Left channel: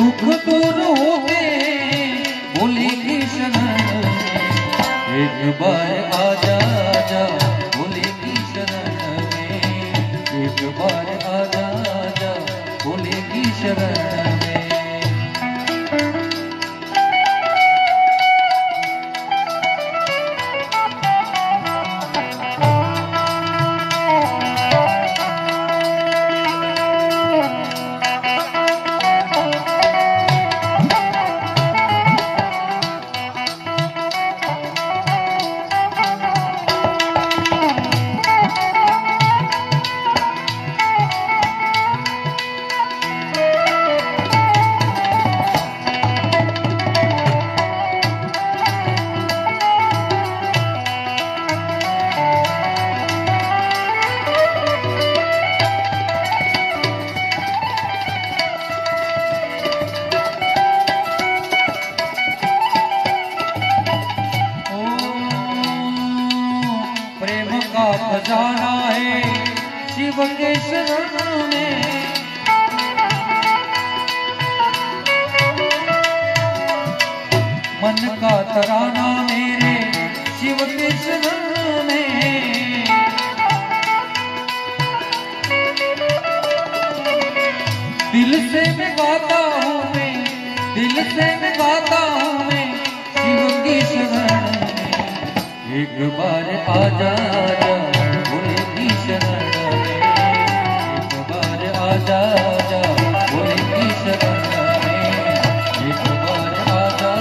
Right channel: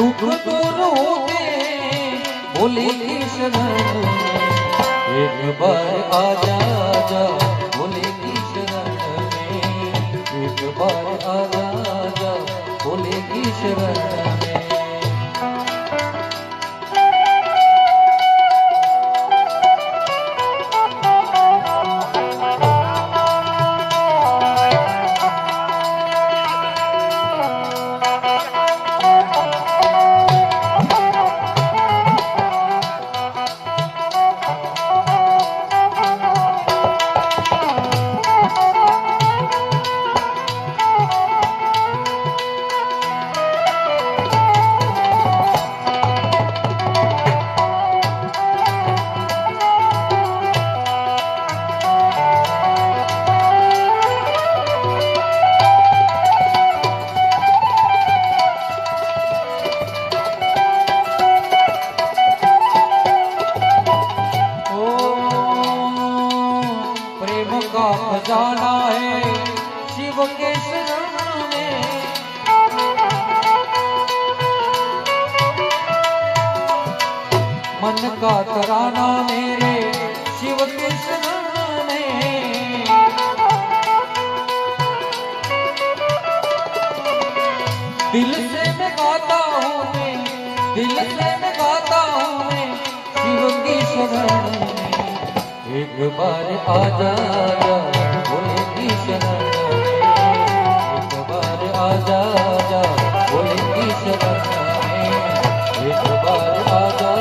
दुख दूर होंगे भोलेगी शरण में, एक बार आजा जा भोलेगी शरण में, एक बार आजा जा भोलेगी शरण में। खजाना है शिव के शरण में, मन का तराना मेरे शिव के शरण में। दिल से मैं गाता हूँ मैं, दिल से मैं गाता हूँ मैं शिव की शरण में, एक बार आजा भोलेगी शरण में, एक बार आजा भोलेगी शरण में, एक बार आजा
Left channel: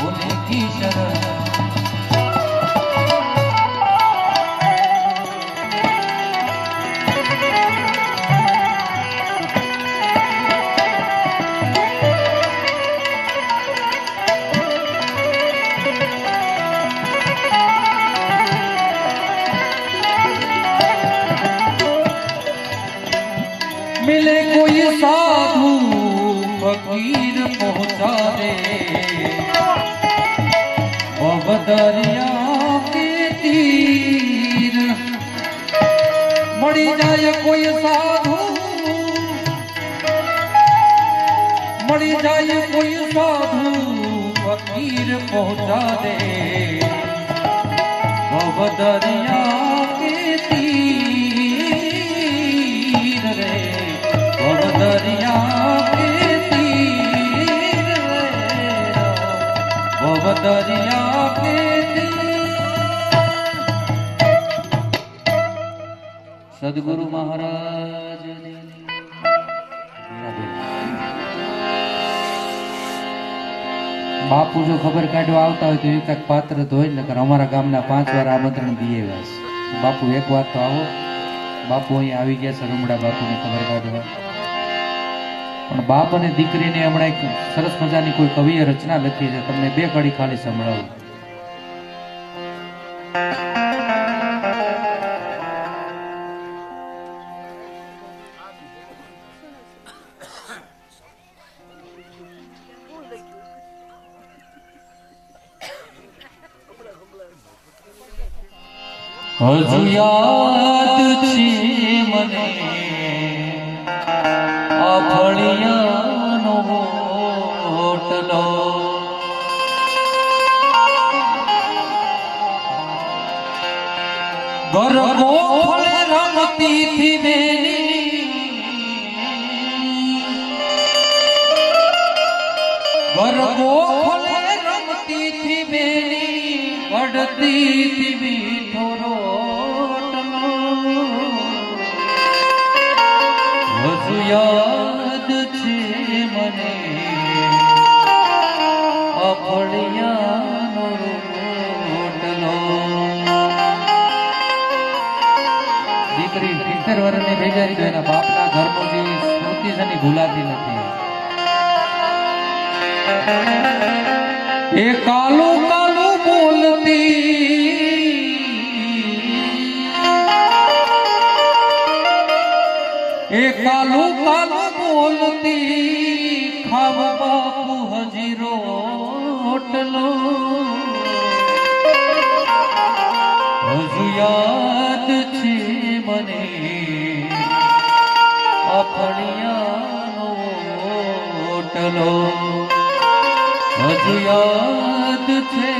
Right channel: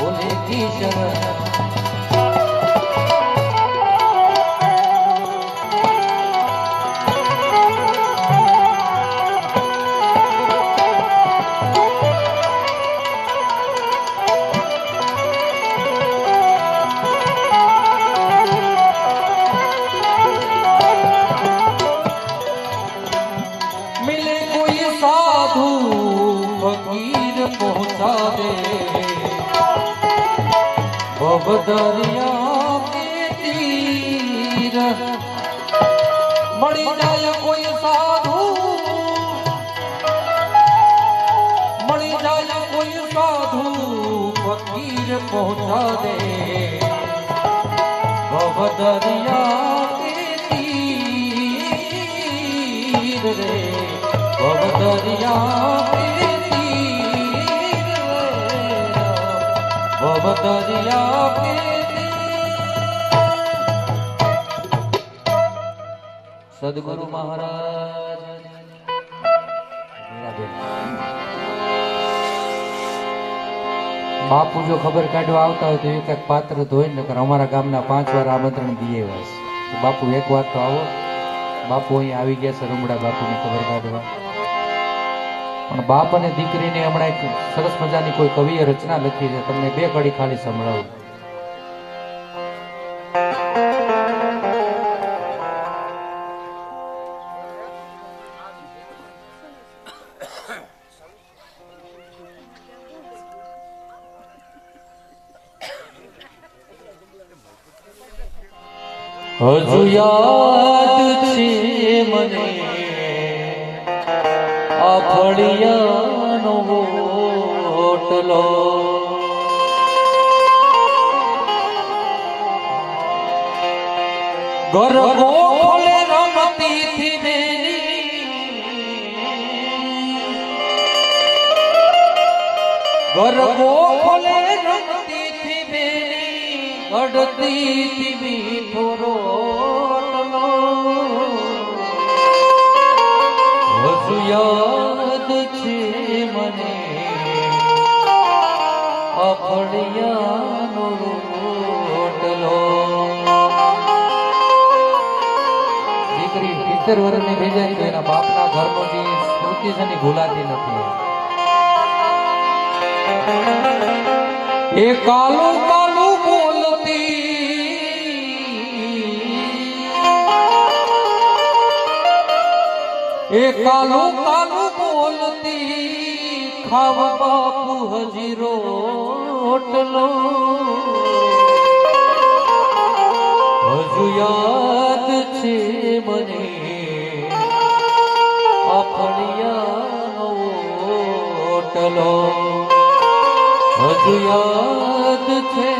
भोलेगी शरण में। मिले कोई साधु फकीर पहुंचा दे दरिया के तीर, मरी जाए कोई साधु, मरी जाए कोई साधु फकीर पहुंचा दे दरिया के तीर रे, दरिया के तीर, दरिया के तीर। सदगुरु महाराज बापू जो खबर काढ़वा आवता हो तो एक पात्र धोई नकर अमरा गामना 5 વાર आमंत्रण दिए वास। बापू एक बार तो आओ, बापू अहीं આવી ગયા છે રૂમડા બાપુની ખબર કાઢવા। પણ બાપ અને દીકરીને હમણાં એક સરસ મજાની કોઈ કવિએ રચના લખી છે, તમને 2 કડી ખાલી સંભળાવું। હજુ યાદ છે મને આ ફળિયાનો હોટલો, ગરબો ફળે રમતી થી બેની, ગરબો ફળે રમતી થી બેની, અડતી થી મીઠો રોટલો। હજુ યાદ છે મને આ ફળિયાનો રોટલો। દીકરી 70 વર્ષની થઈ જાય તો એના બાપના ઘરનો જે સ્મૃતિ છે ને ભૂલાતી નથી। એ કાલો કાલો બોલતી, એ કાલો કાલો બોલતી, ખાવા બાપુ હજી રોટલો। હજુ યાદ છે મને આ ફળિયાનો વડલો હજુ યાદ છે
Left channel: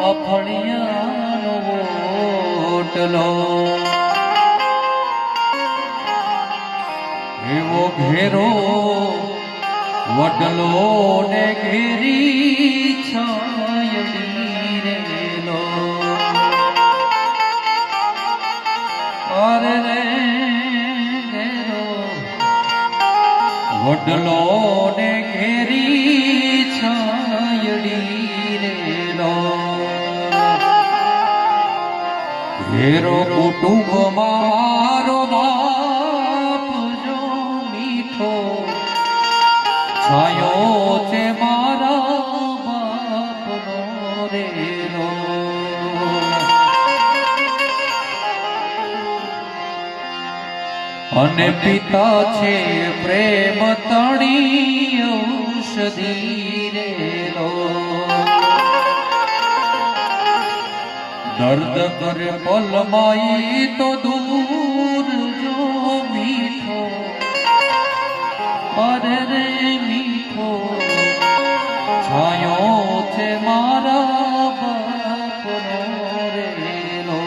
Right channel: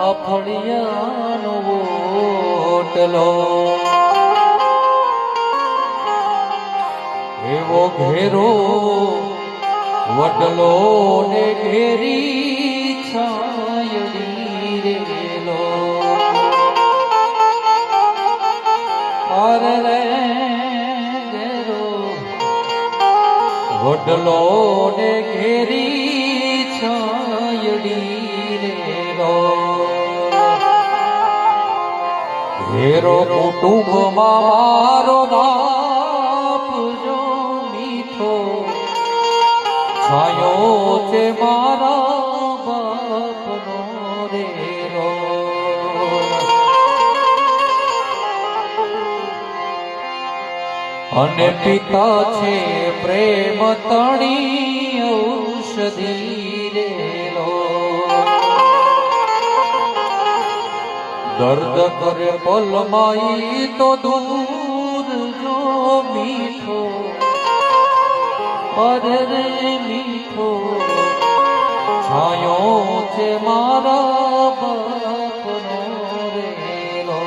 આ ફળિયાનો ઓટલો એવો ઘેરો વડલો ને ઘેરી છાયડી રેલો અરે રે ઘેરો વડલો ને ઘેરી છાયડી રેલો ઘેરો કુટુંબમાં મારો બાપ જો મીઠો છાયો છે મારા બાપનો રેલો અને પિતા છે પ્રેમ તણી ઔષધિ રેલો દર્દ કરે પલમાઈ તો દૂર જો મીઠો અરે રે મીઠો છાયો છે મારા બાપનો રેલો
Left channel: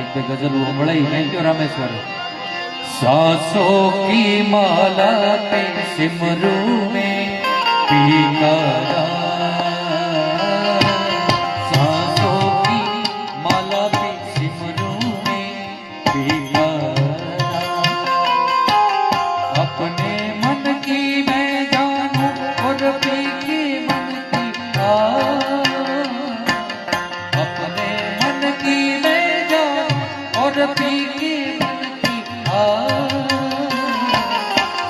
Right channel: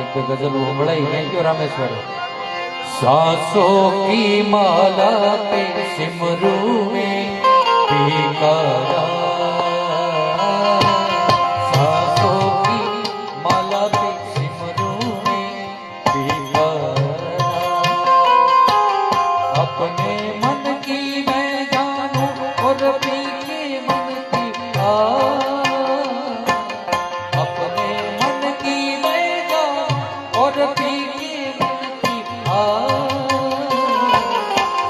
એક બે ગઝલ સંભળાઈ થેન્ક યુ રામેશ્વર सांसों की माला पे सिमरू में पीकारा सांसों की माला पे सिमरू में पीकारा अपने मन की मैं जानूं और पी के मन की अपने मन की मैं जानूं और पी के मन की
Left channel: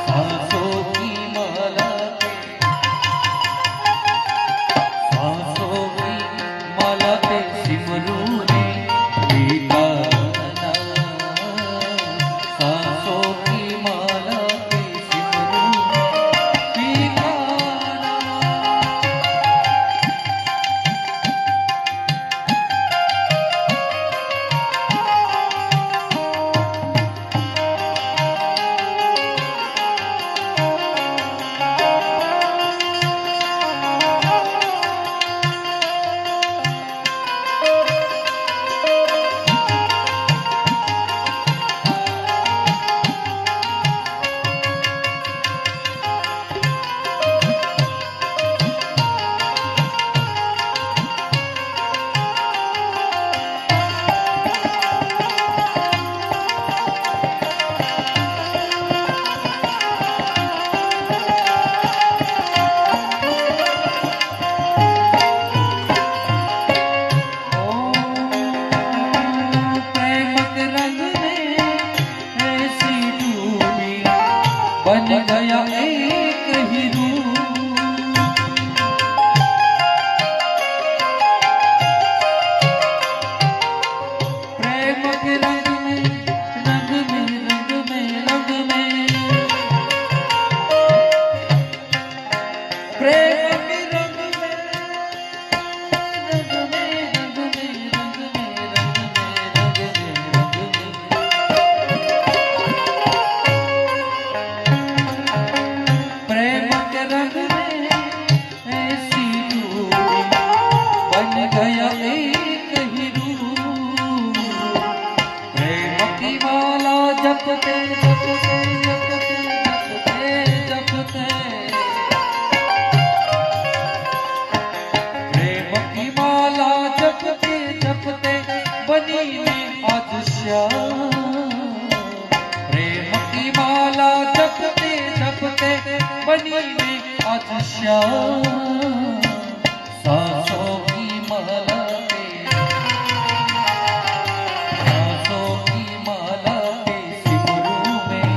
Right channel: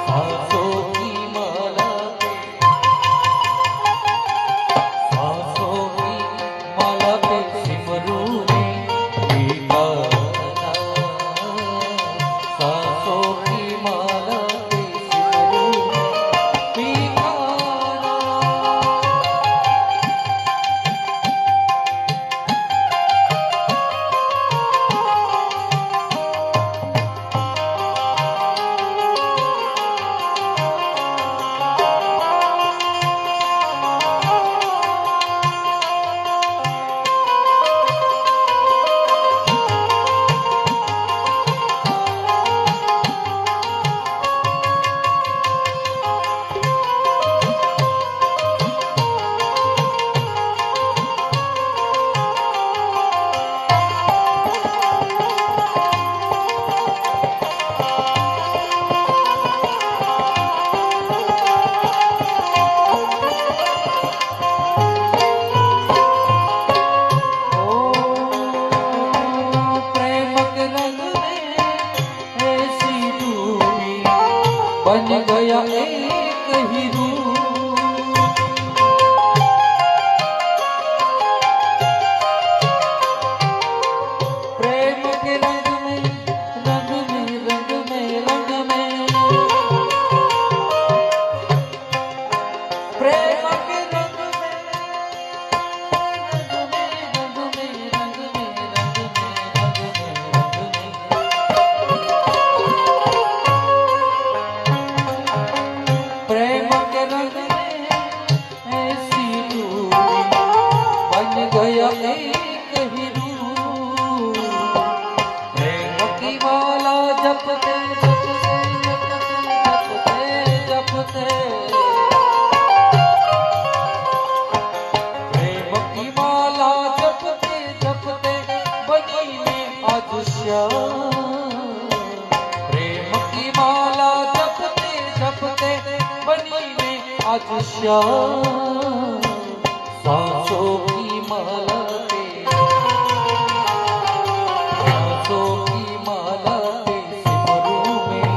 सांसों की माला पे सांसों की माला पे सिमरू में पीकारा सांसों की माला पे सिमरू में पीकारा बन गया एक हीरू प्रेम के रंग में रंग में रंग में रंग में प्रेम के रंग में रंग में रंग में रंग में रंग में रंग में प्रेम के रंग में ऐसी डूबी बन गया एक हीरू प्रेम की माला जपते जपते जपते जपते प्रेम की माला जपते जपते बनी में आज श्याम प्रेम की माला जपते जपते बनी में आज श्याम सांसों की माला पे सांसों की माला पे सिमरू में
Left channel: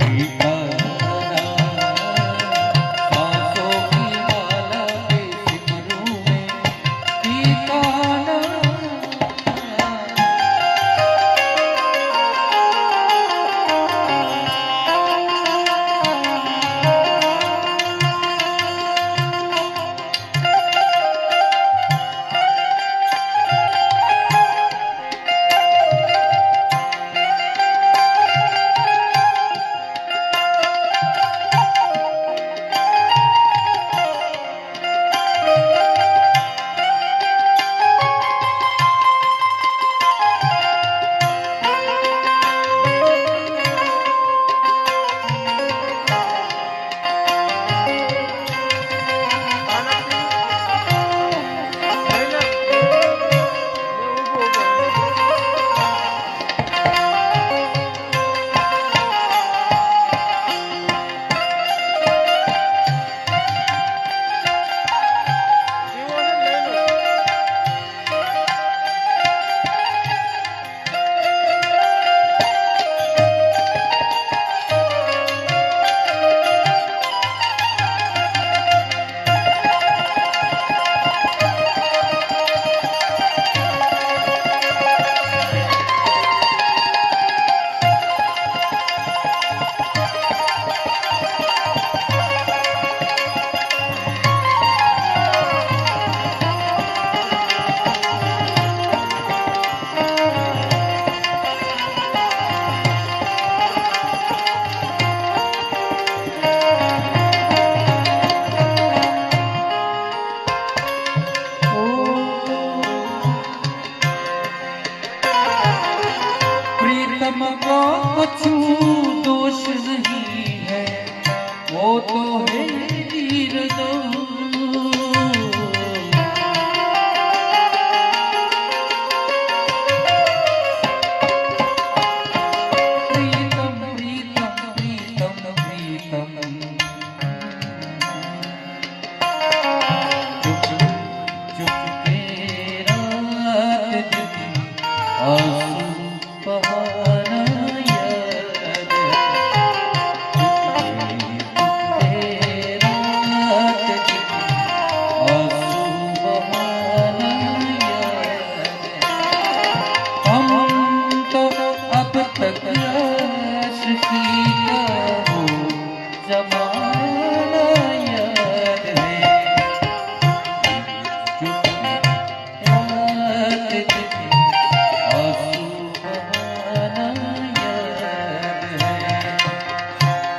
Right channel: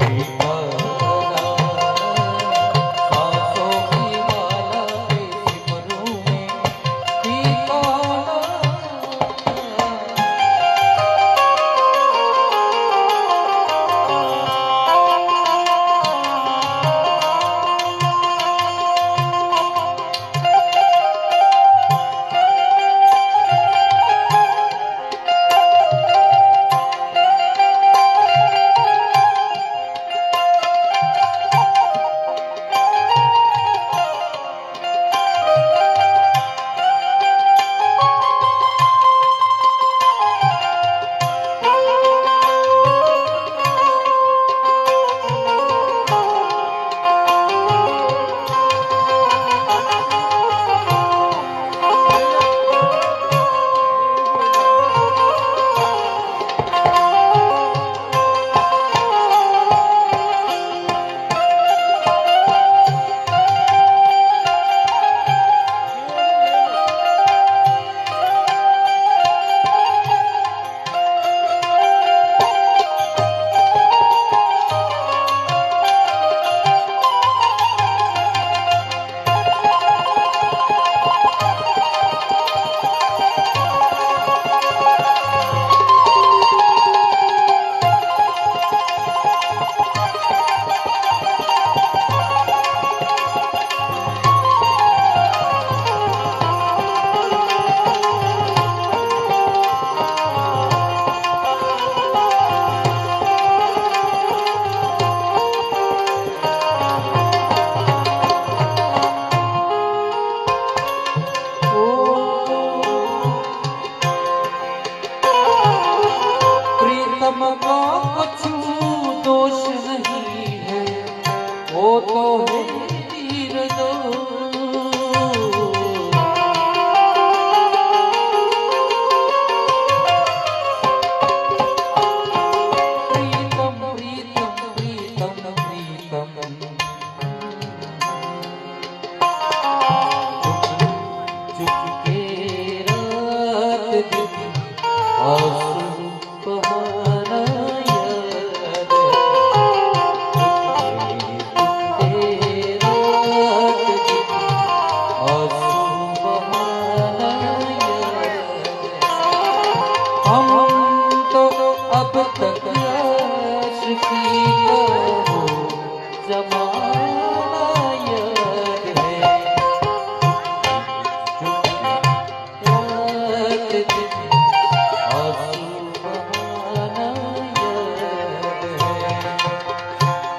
पीकारा सांसों की माला पे सिमरू में पीकारा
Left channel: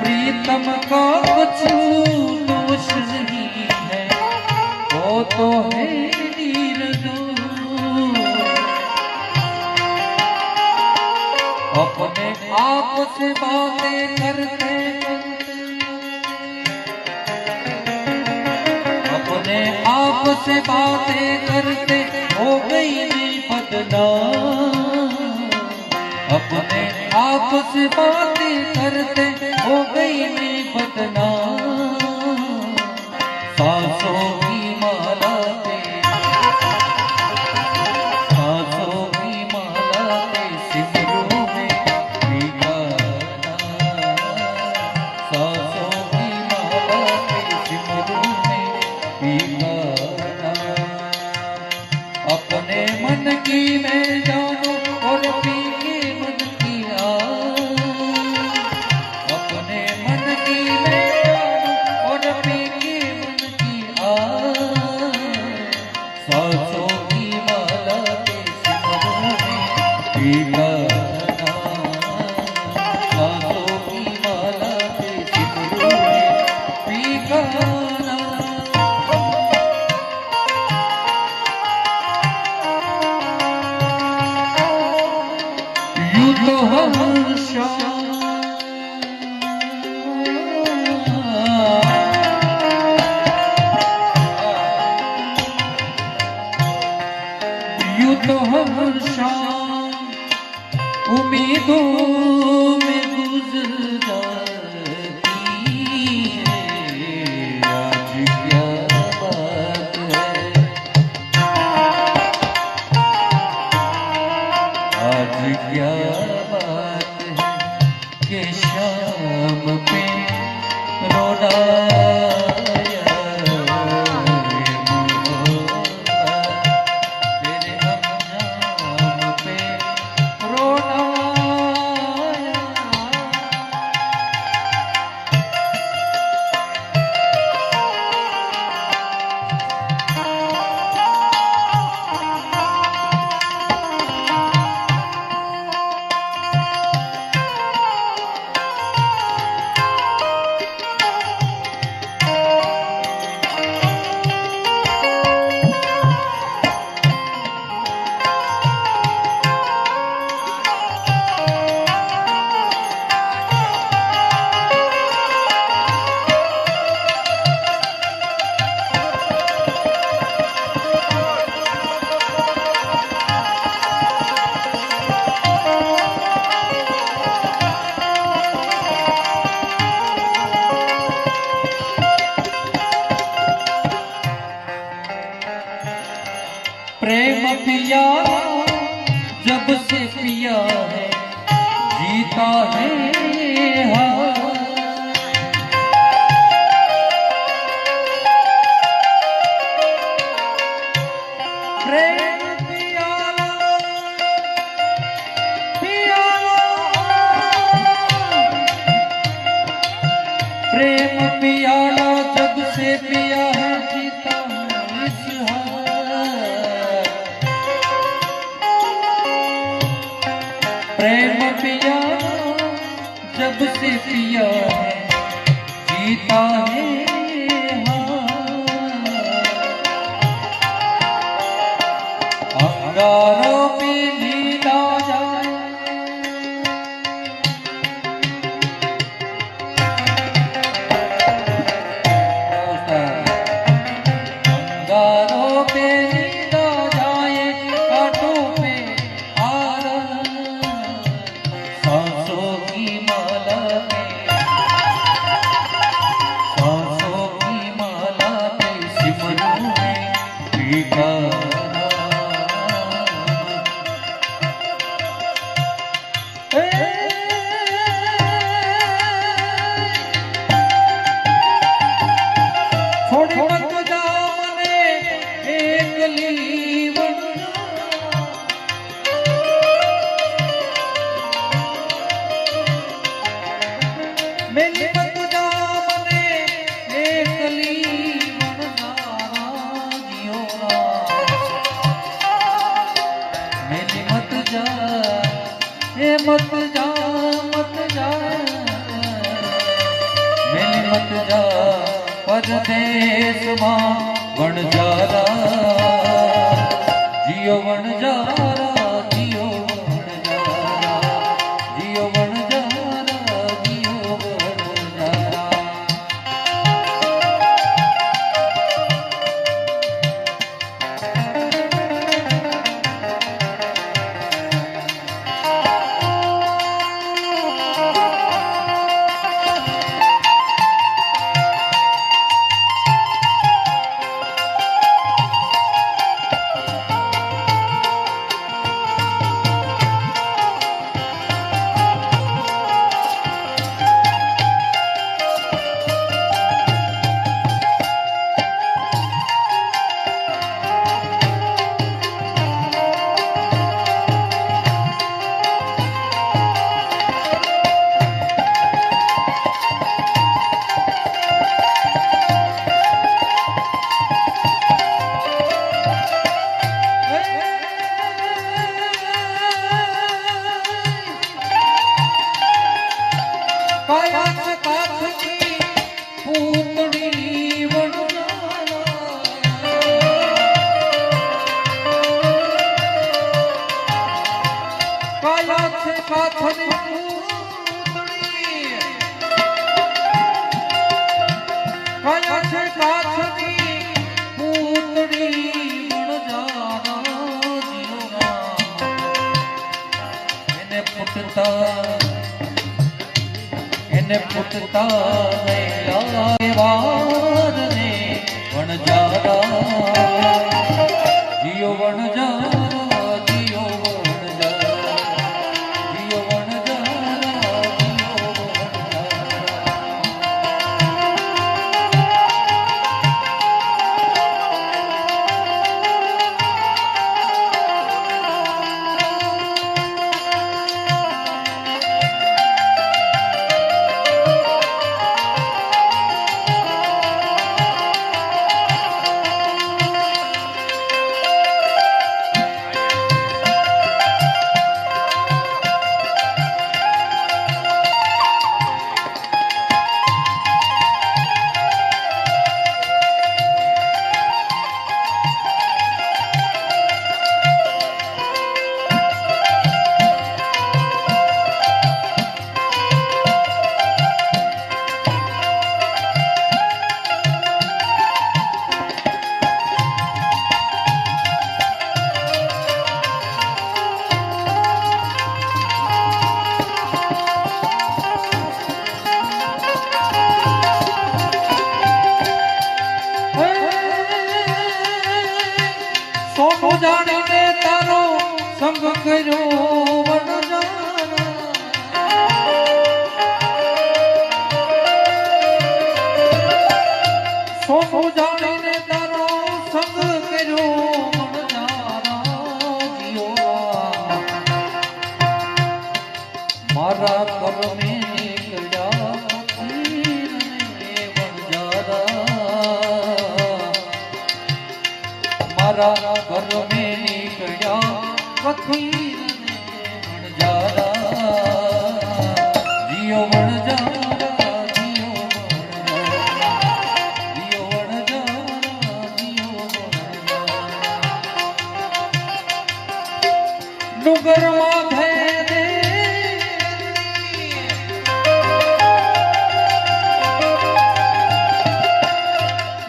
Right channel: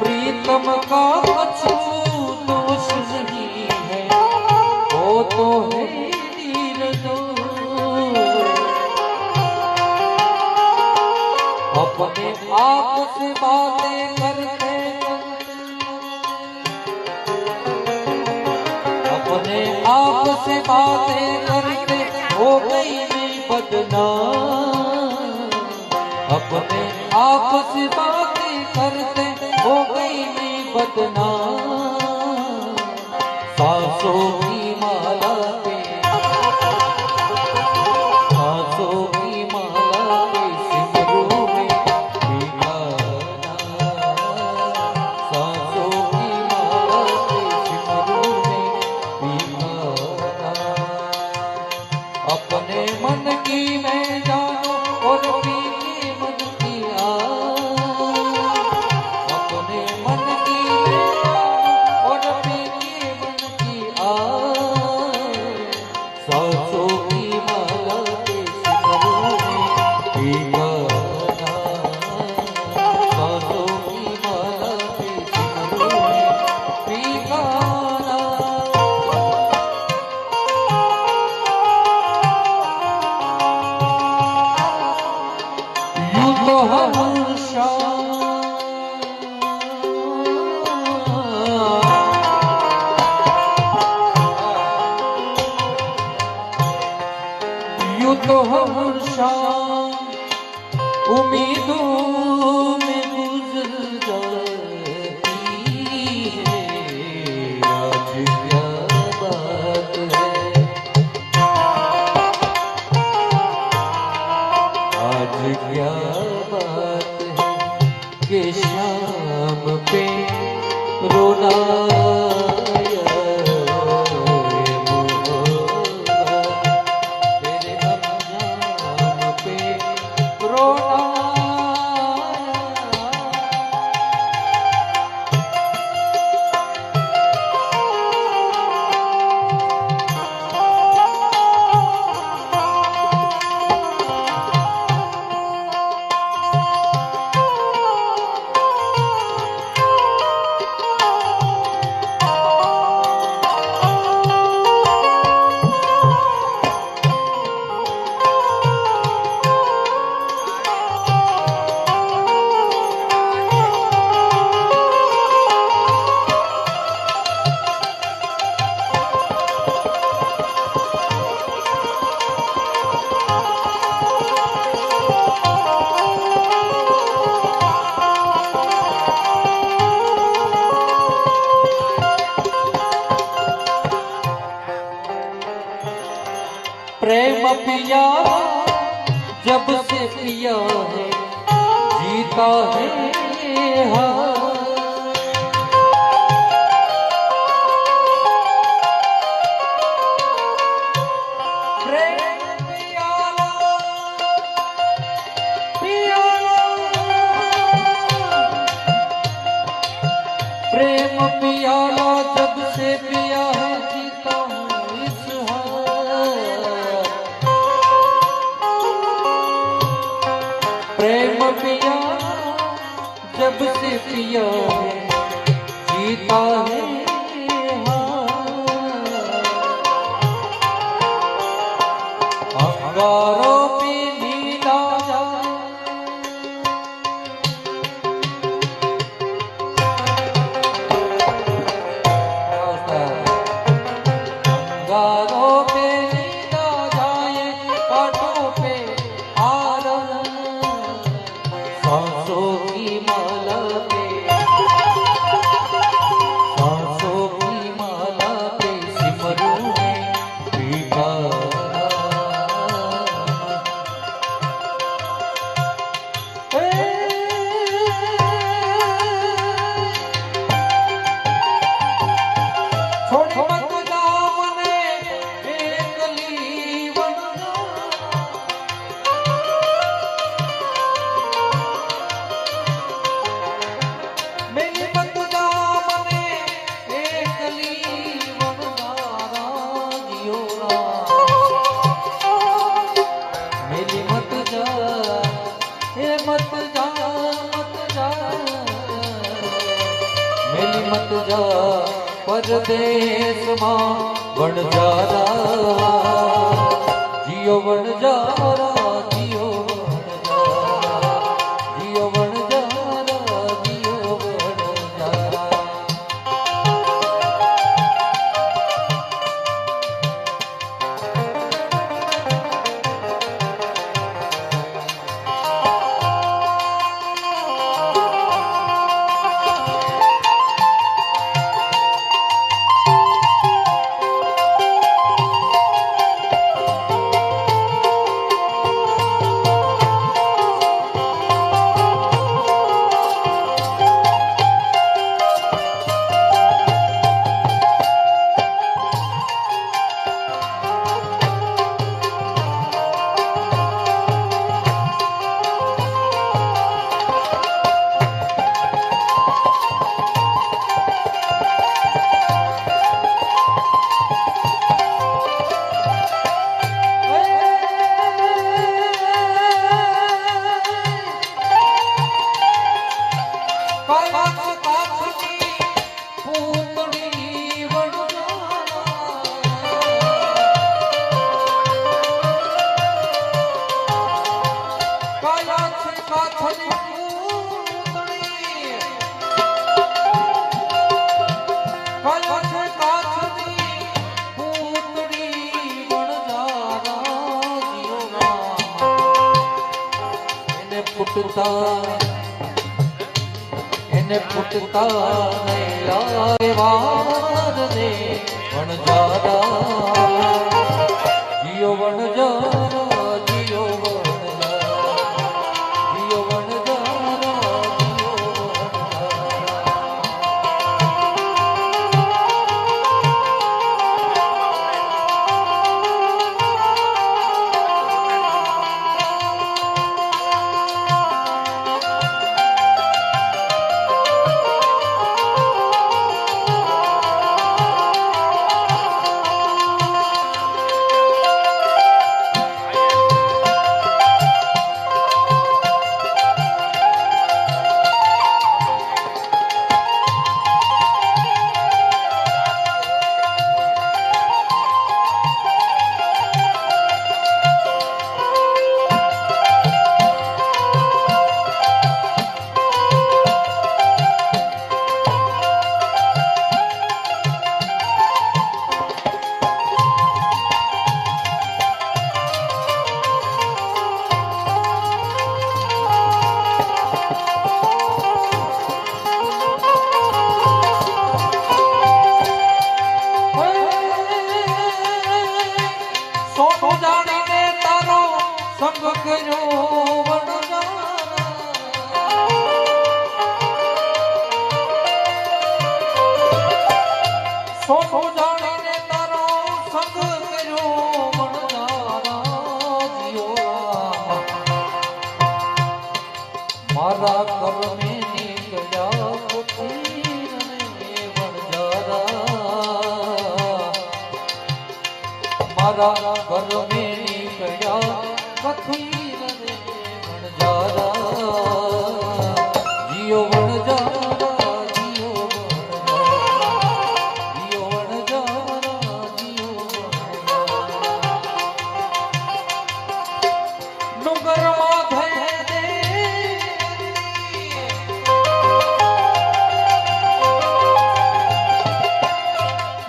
प्रीतम का अछूत दोष नहीं है, वो तो है नीरजो। अपने आप से बातें करते अपने आप से बातें करते हो गई नहीं बदनाम। अपने आप से बातें करते हो गई नहीं बदनाम। सांसों की माला पे सांसों की माला पे सिमरू में भीगाना। सांसों की माला पे सिमरू में भीगाना। अपने मन की मैं जानो और पी के मन की अपने मन की मैं जानो और पी के मन की सांसों की माला के सिमरू में भीगाना। सांसों की माला के सिमरू में भीगाना। यूं तो हमेशा यूं तो हमेशा उम्मीदों में गुजर जाती है। आज क्या बात है, आज क्या बात है कि शाम पे रोना आया रे मोहब्बत। तेरे अंजाम पे रोना आया। प्रेम पिया जब से पिया है जीता है हाँ। प्रेम पिया पिया प्रेम पियाला जब से पिया है जीता हूँ इस हाल। प्रेम पिया जब से पिया है जीता है अंगारों पे नीला जाए अंगारों पे नीला जाए कांटों पे आरा। सांसों की माला पे सांसों की माला पे सिमरू में भीगा। પરદેશમાં વણજારા જીઓ વણજારા જીઓ વણજારા જીઓ વણજારા જીઓ વણજારા એને પુટતા લાગેવાને વણજારા જીઓ વણજારા જીઓ વણજારા જીઓ વણજારા જીઓ મારા કરમે નીકળ્યા મારા કરમે નીકળ્યા કથીર વણજારા જીઓ વણજારા જીઓ વણજારા જીઓ વણજારા જીઓ વણજારા ડુંગરમાં ભેદે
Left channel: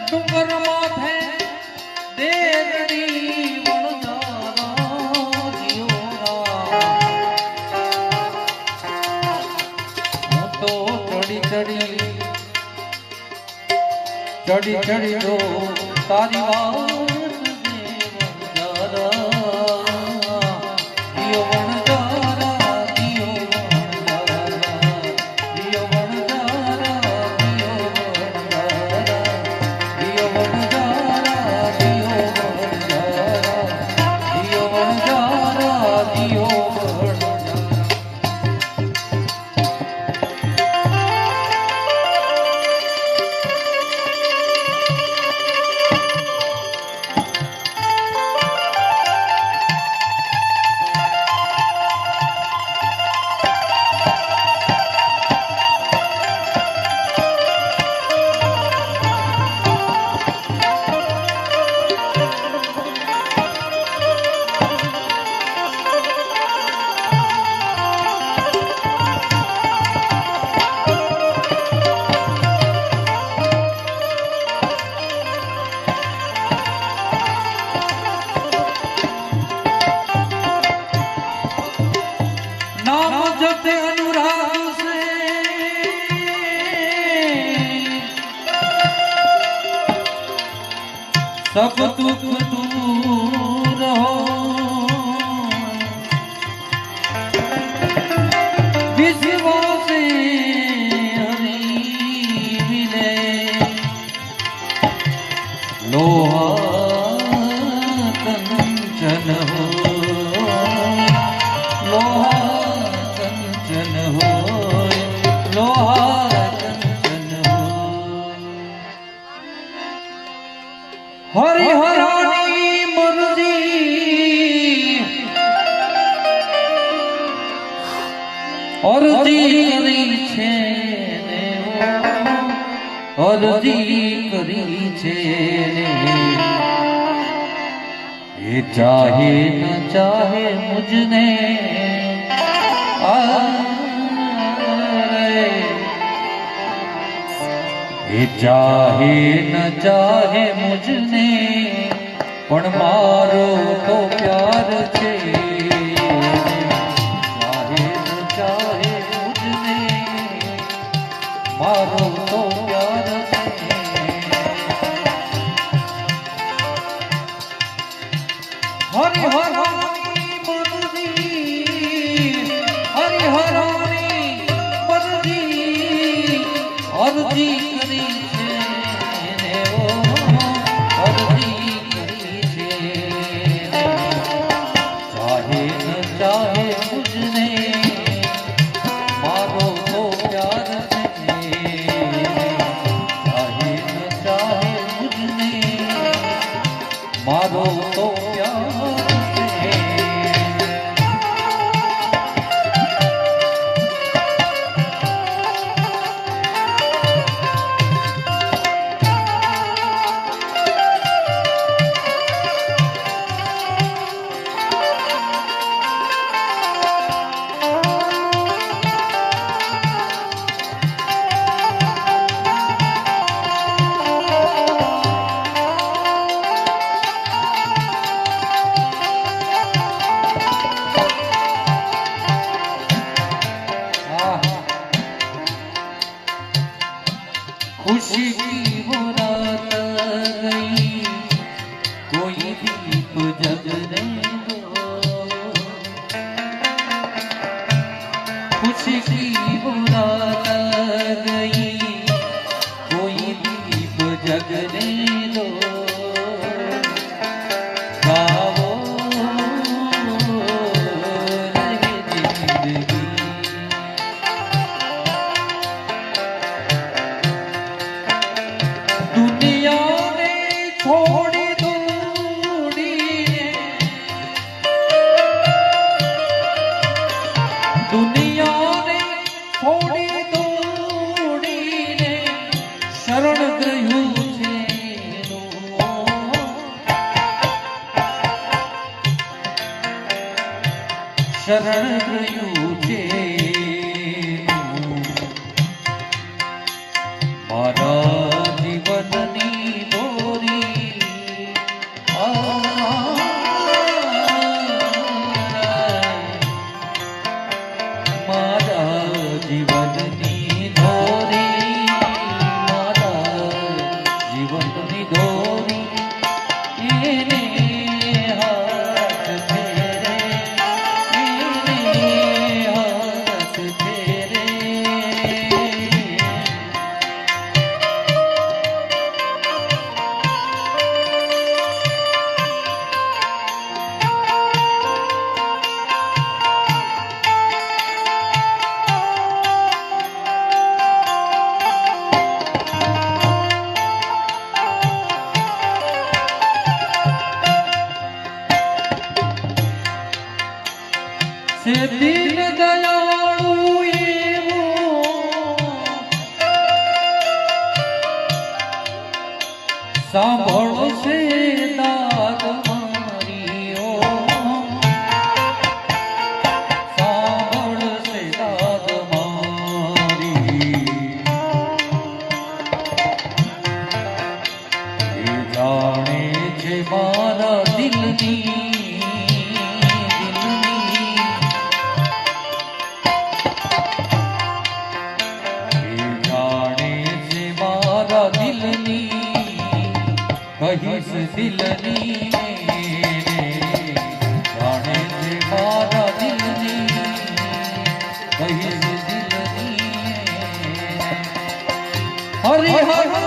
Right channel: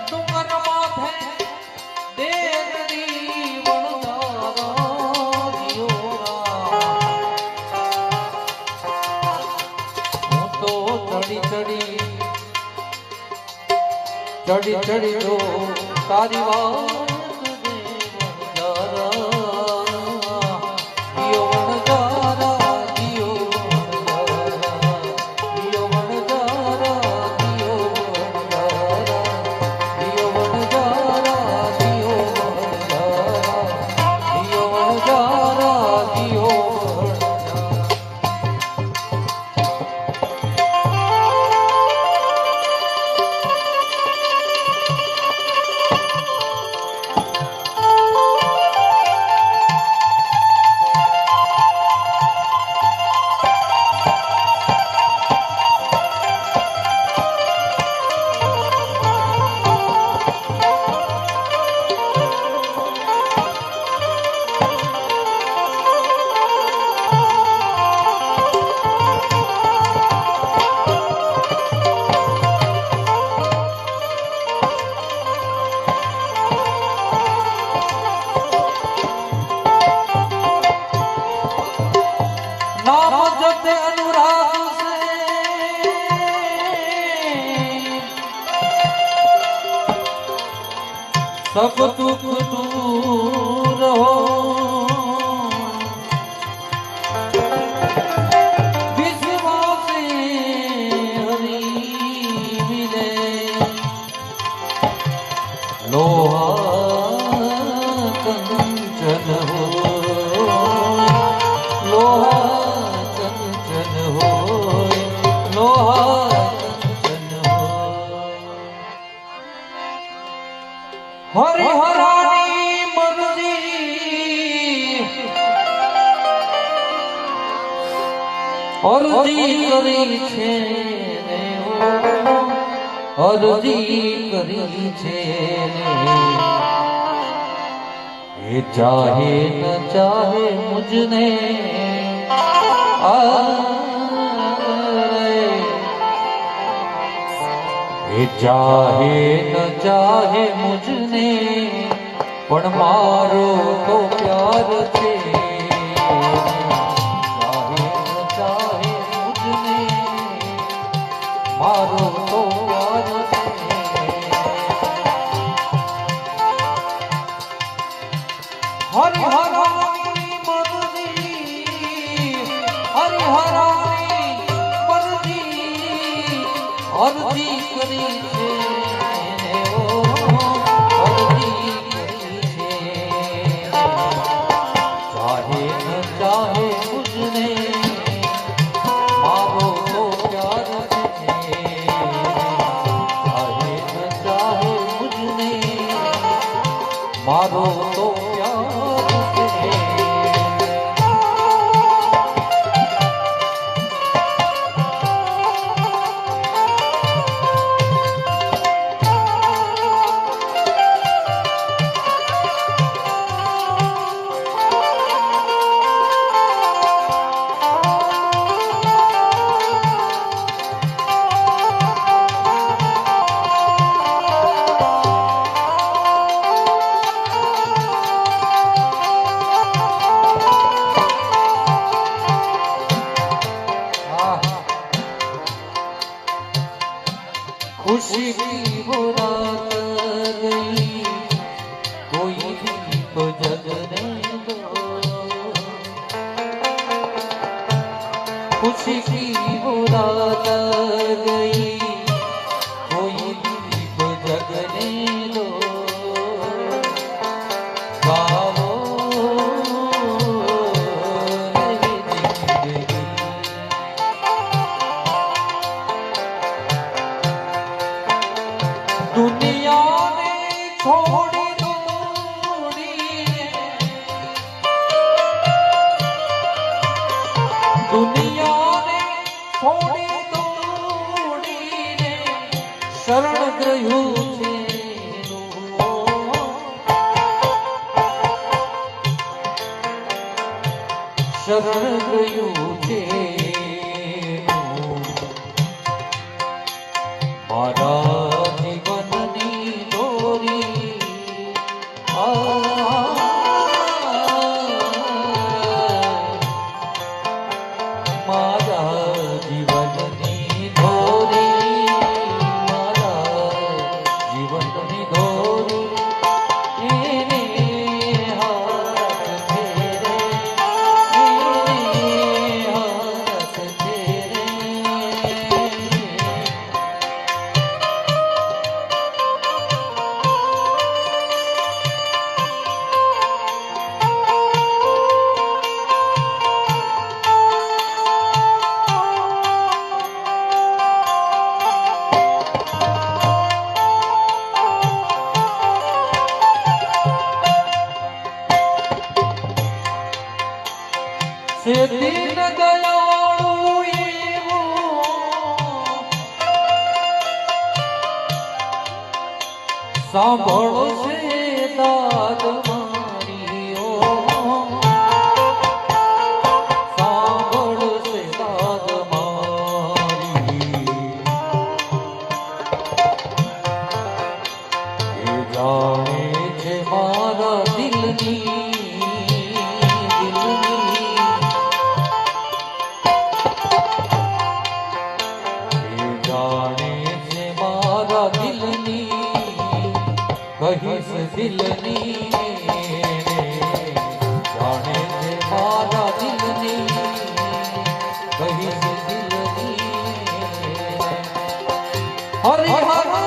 ડુંગરમાં ભેદે દેવડી વણજારા જીઓ હું તો ચડી ચડી જો તારી વાત सब दुख दूर हो विश्वास हरि मिले लोहा कंचन हो लोहा कंचन हो लोहा हरि हरानी मर्जी અરજી કરી છે અરજી કરી છે એ ચાહે ન ચાહે મુજને એ ચાહે ન ચાહે મુજને પણ મારો તો પ્યાર છે ચાહે ન ચાહે મુજને મારો તો પ્યાર છે હરિ હરાની મરજી હરિ હરાની મરજી અરજી કરી છે અરજી કરી છે ચાહે ન ચાહે મુજને મારો તો પ્યાર છે ચાહે ન ચાહે મુજને મારો તો પ્યાર છે खुशी की बुरात गई कोई दीप जगने दो खुशी की बुरात गई कोई दीप जगने दो गाओ रहे जिंदगी दुनिया ने छोड़ी दौड़ी ने दुनिया ने छोड़ी दौड़ी ने शरण ग्रह्યું છે શરણ ગ્રહ્યું છે મારા से दीन दयालु एवो सांभळो से दाद मारीओ सांभळो से दाद मारी ये जाने छे मारा दिलनी कहीं દિલની જાણે છે મારા દિલની કહીશ દિલની હરી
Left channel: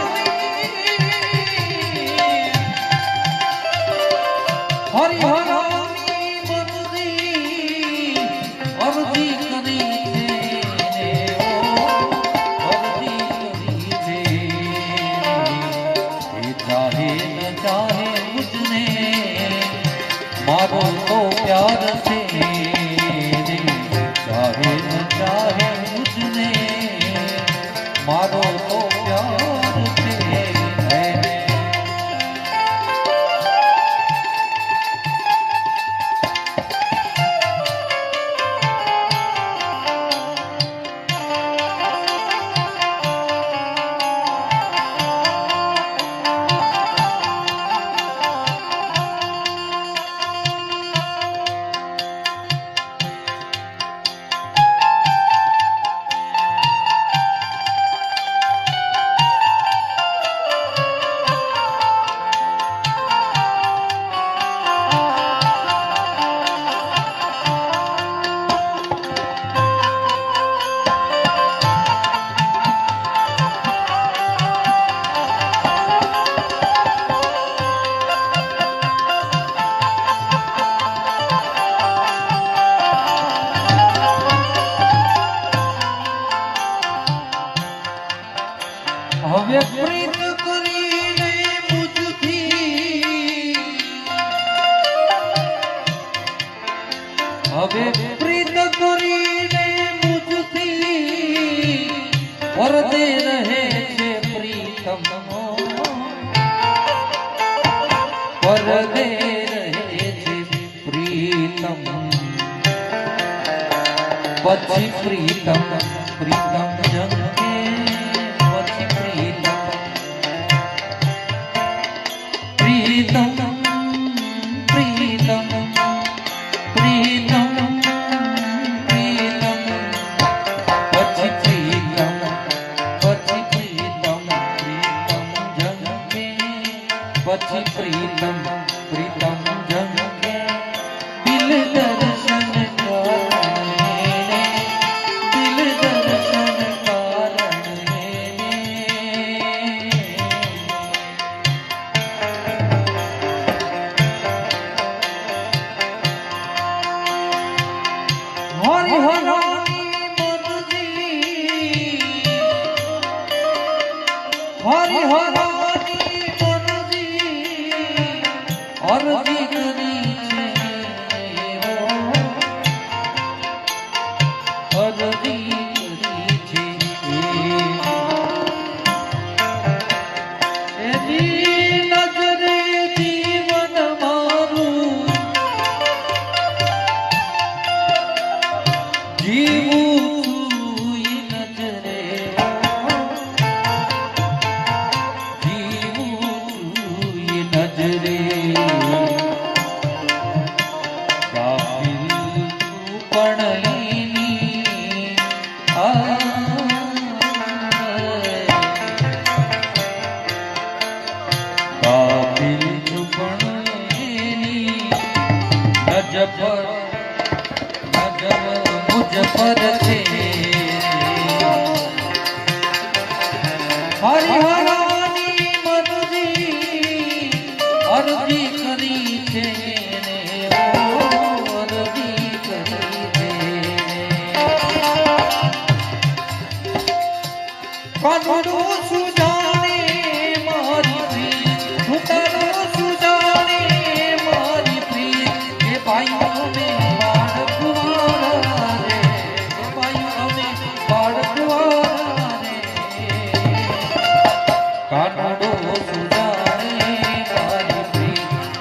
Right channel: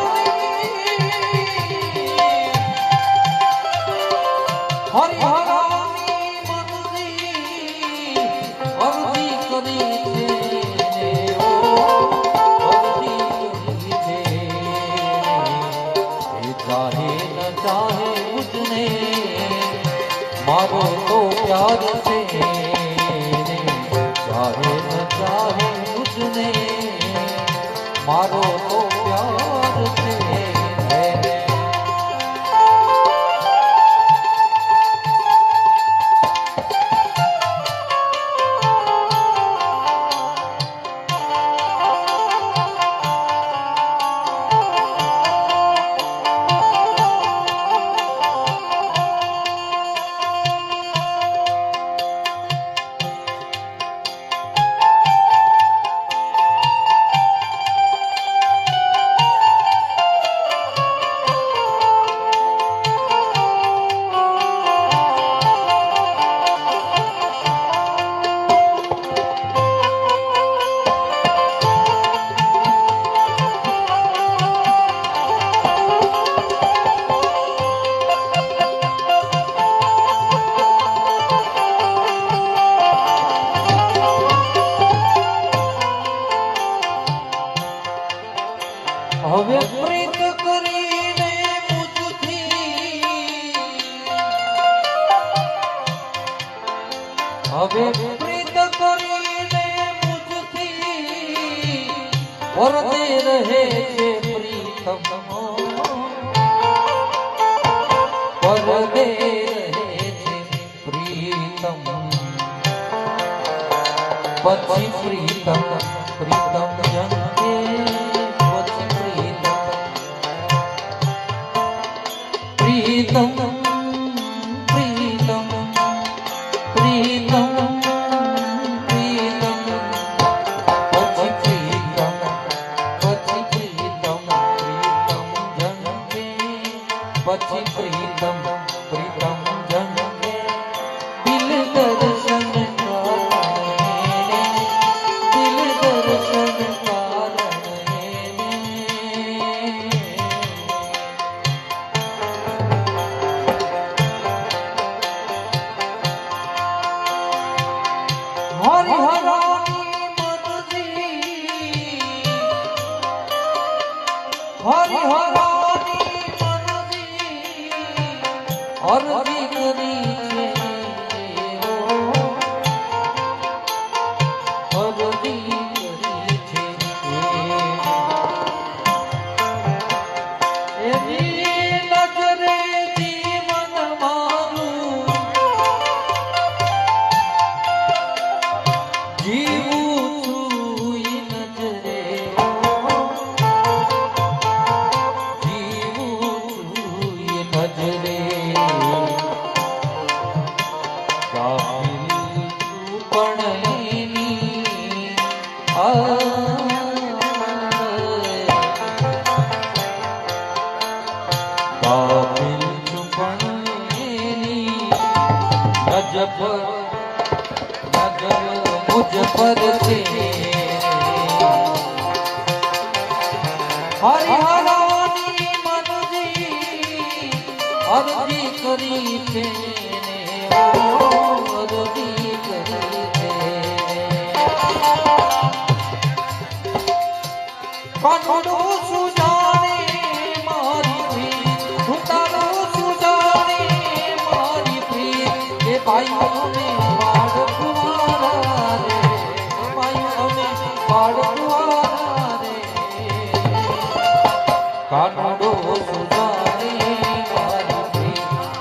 मारो तो प्यार से चाहे न चाहे मुझने मारो तो प्यार से હવે પ્રીત કરીને મુજથી હવે પ્રીત કરીને મુજથી વરતે રહે છે પ્રીતમ વરતે રહે છે પ્રીતમ પછી પ્રીતમ પ્રીતમ જંગે प्रीतम प्रीतम प्रीतम प्रीतम पछि प्रीतम प्रीतम जन्मे पछि प्रीतम प्रीतम जन्मे दिल दर्शन दिल दर्शन मुझ पर से हरि हरानी मधुरी अरजी करी છે અરજી કરી છે કાનનું સુજાને મારી પ્રીત ઉતારો સુજાને મારી પ્રીત એ ભાઈઓને કાનડો સુજાને મારી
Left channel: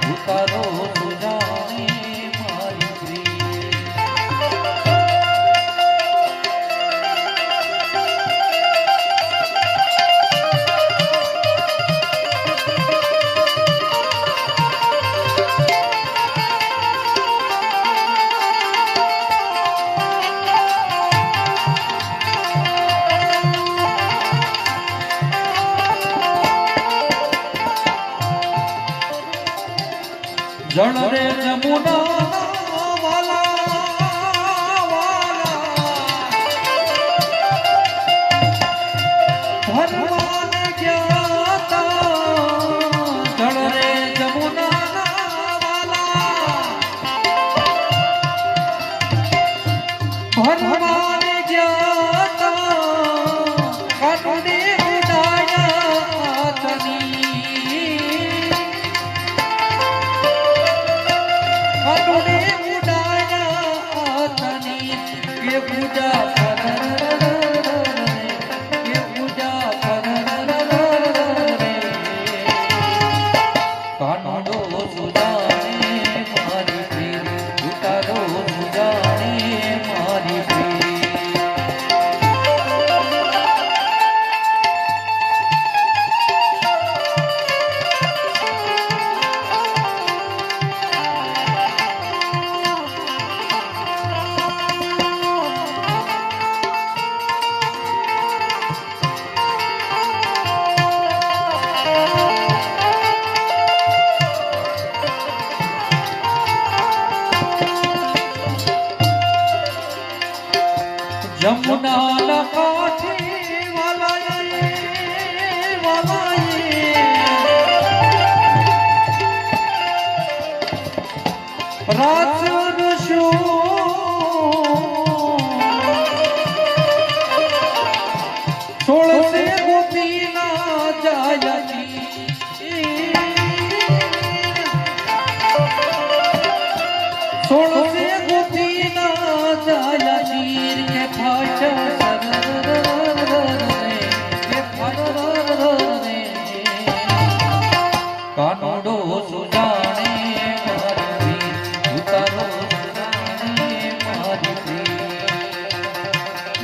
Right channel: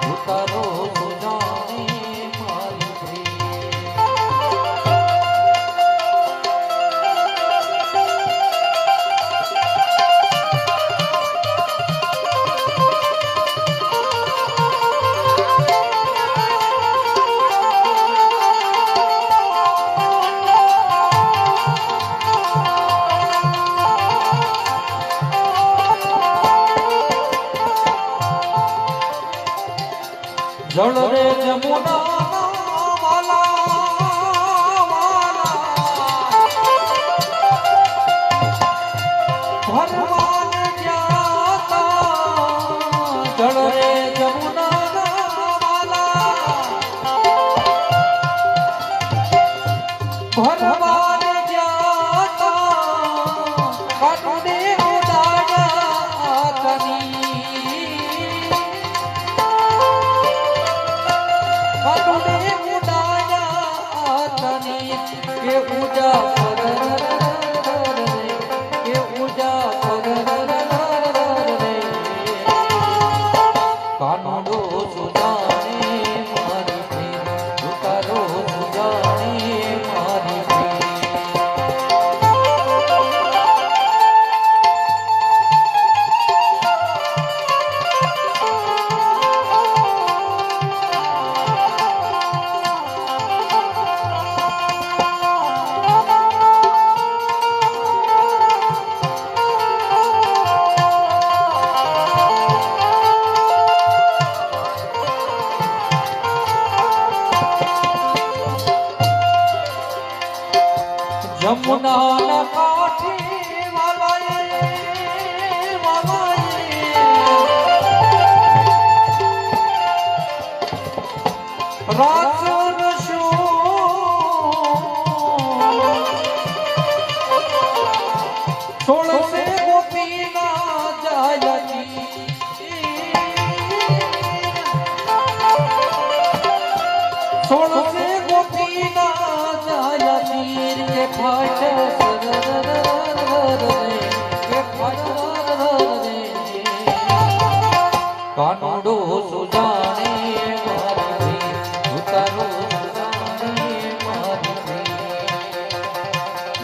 ઉતારો સુજાને જળ રે જમુના જમુના ના કાંઠે છોડશે ગોપીના જાયની છોડશે ગોપીના જાયની કે ફાટ કાનડો સુજાણે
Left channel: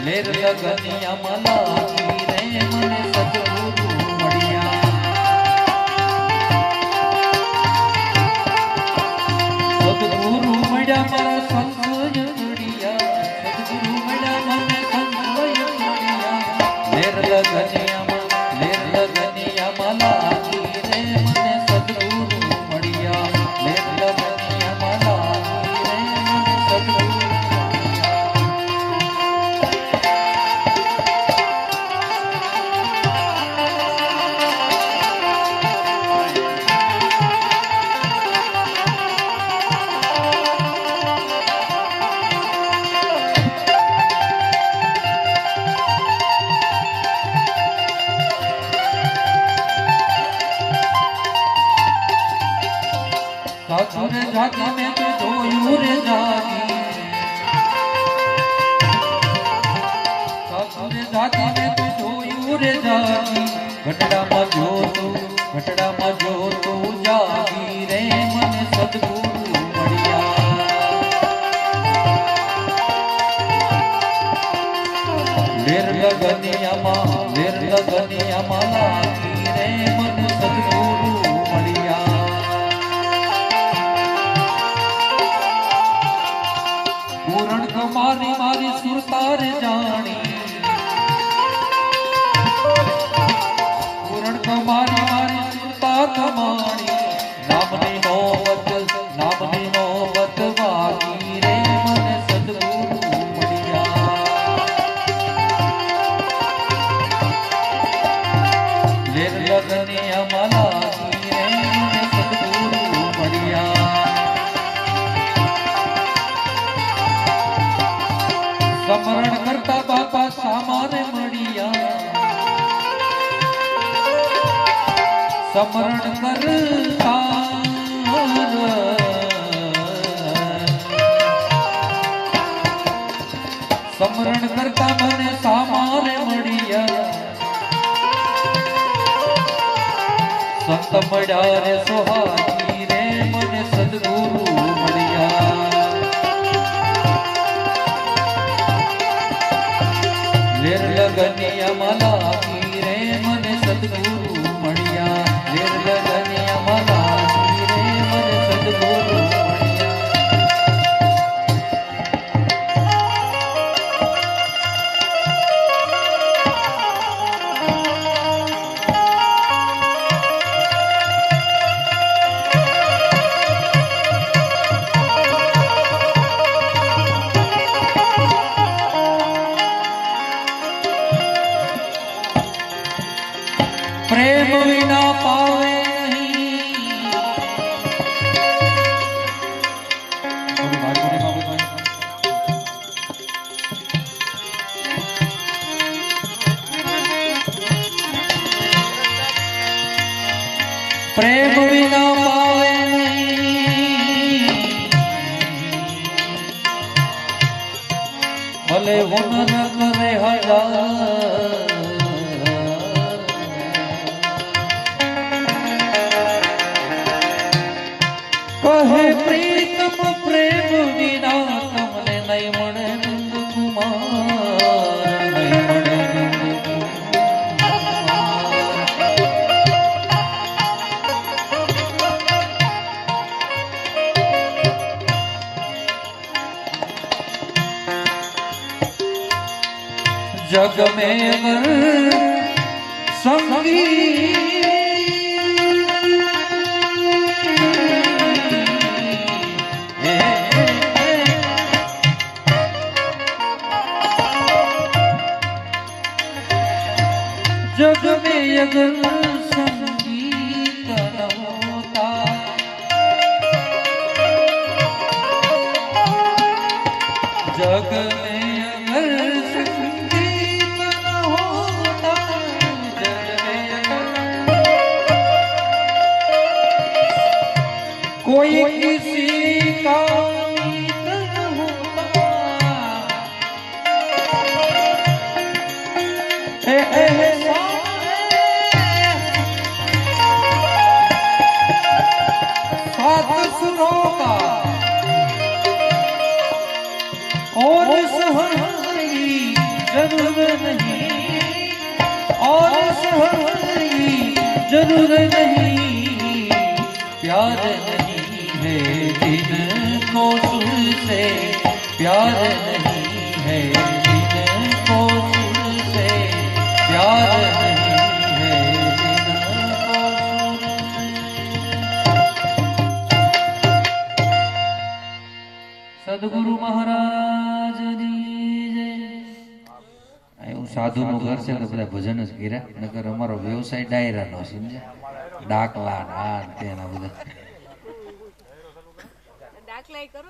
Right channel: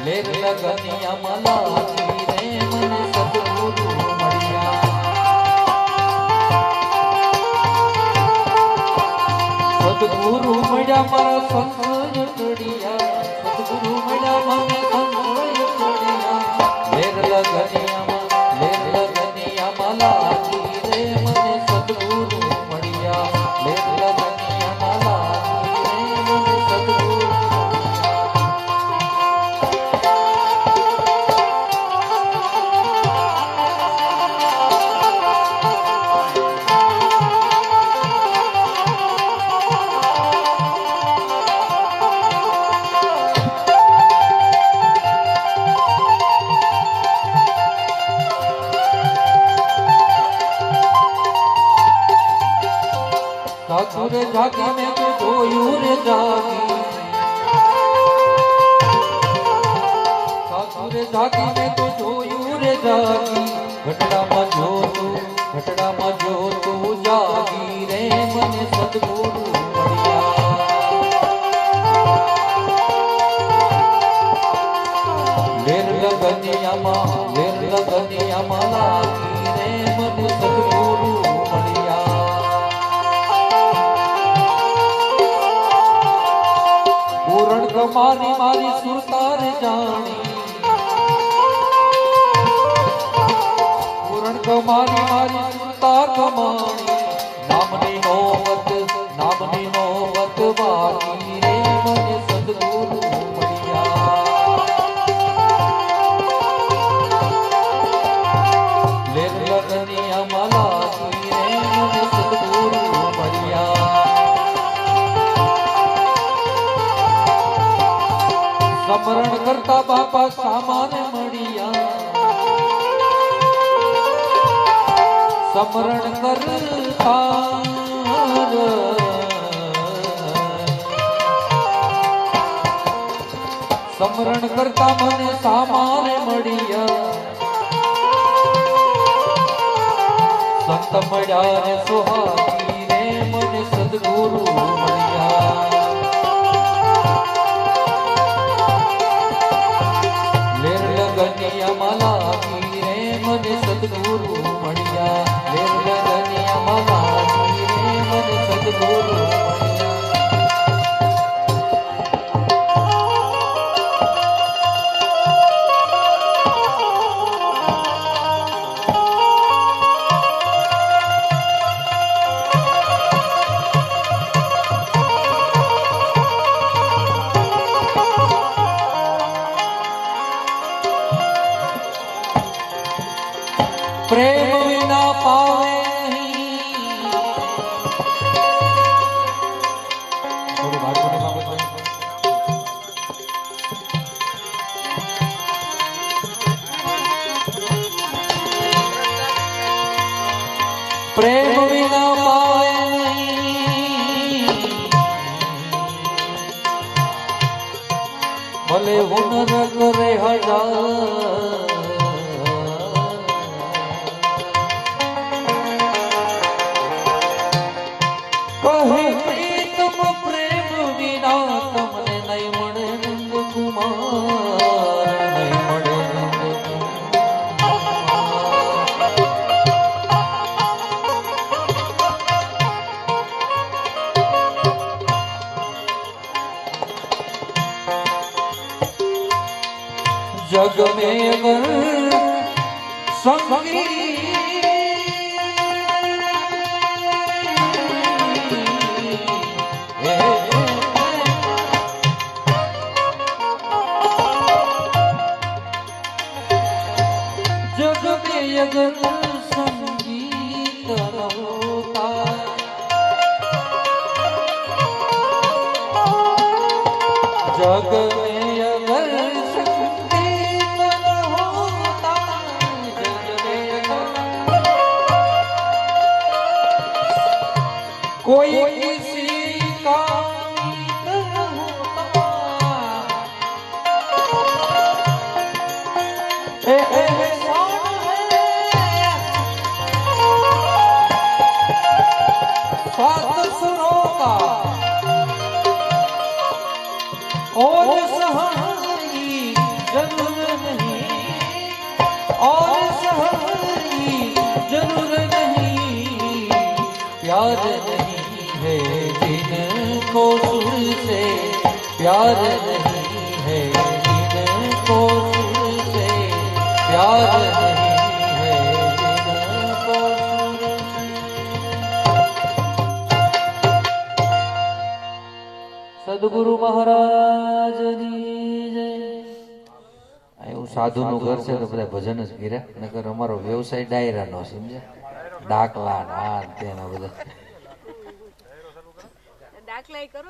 લેર લગનિયા મલા રે મને સદગુરુ મળ્યા સદગુરુ મળ્યા મારા સંગય જોડિયા સદગુરુ મળ્યા મને સંગય જોડિયા લેર લગનિયા મલા રે મને સદગુરુ મળ્યા લેર લગનિયા મલા રે મને સદગુરુ રે જાગી મેં તો જોયું રે જાગી સાસુરે જાગી મેં તો જોયું રે જાગી ઘટડામાં જોતું જાગી રે મને સદગુરુ મળ્યા લેર લગનિયામાં લાગી રે મને સદગુરુ પૂરણ કમારી મારી સુરતાર જાણી પૂરણ કમારી મારી સુરતા કમાણી નામની નોબત વાગી રે મને સદગુરુ મળ્યા લેર લગનિયામાં લાગી રે મને સદગુરુ મળ્યા સમરણ કરતા બાપા સામાન મળ્યા સમરણ કરતા સમરણ કરતા મને સામાન મળ્યા સંત મળ્યા રે સોહાગી રે મને સદગુરુ મળ્યા લેર લગનિયામાં લાગી રે મને સદગુરુ મળ્યા લેર લગનિયામાં લાગી રે મને સદગુરુ મળ્યા હુનર કરે હજાર કહે પ્રીતમ પ્રેમ વિના તમને નહીં મળે નંદ કુમાર નહીં મળે નંદ जग में अगर संगी जग में अगर संगीत न होता जग में अगर कोई किसी का साथ सुरों का और सहारी जरूर नहीं और सहारी जरूर नहीं प्यार नहीं है जिनको सुर से प्यार नहीं है जिनको सुर से प्यार नहीं है जिनको સદગુરુ મહારાજની જય એવું સાધુનું ઘર છે તો બધા ભજન જ કર્યા નકર અમારો વ્યવસાય ડાયરાનો સમજ્યા ડાકલા ના તેના બધા દાખલા કરો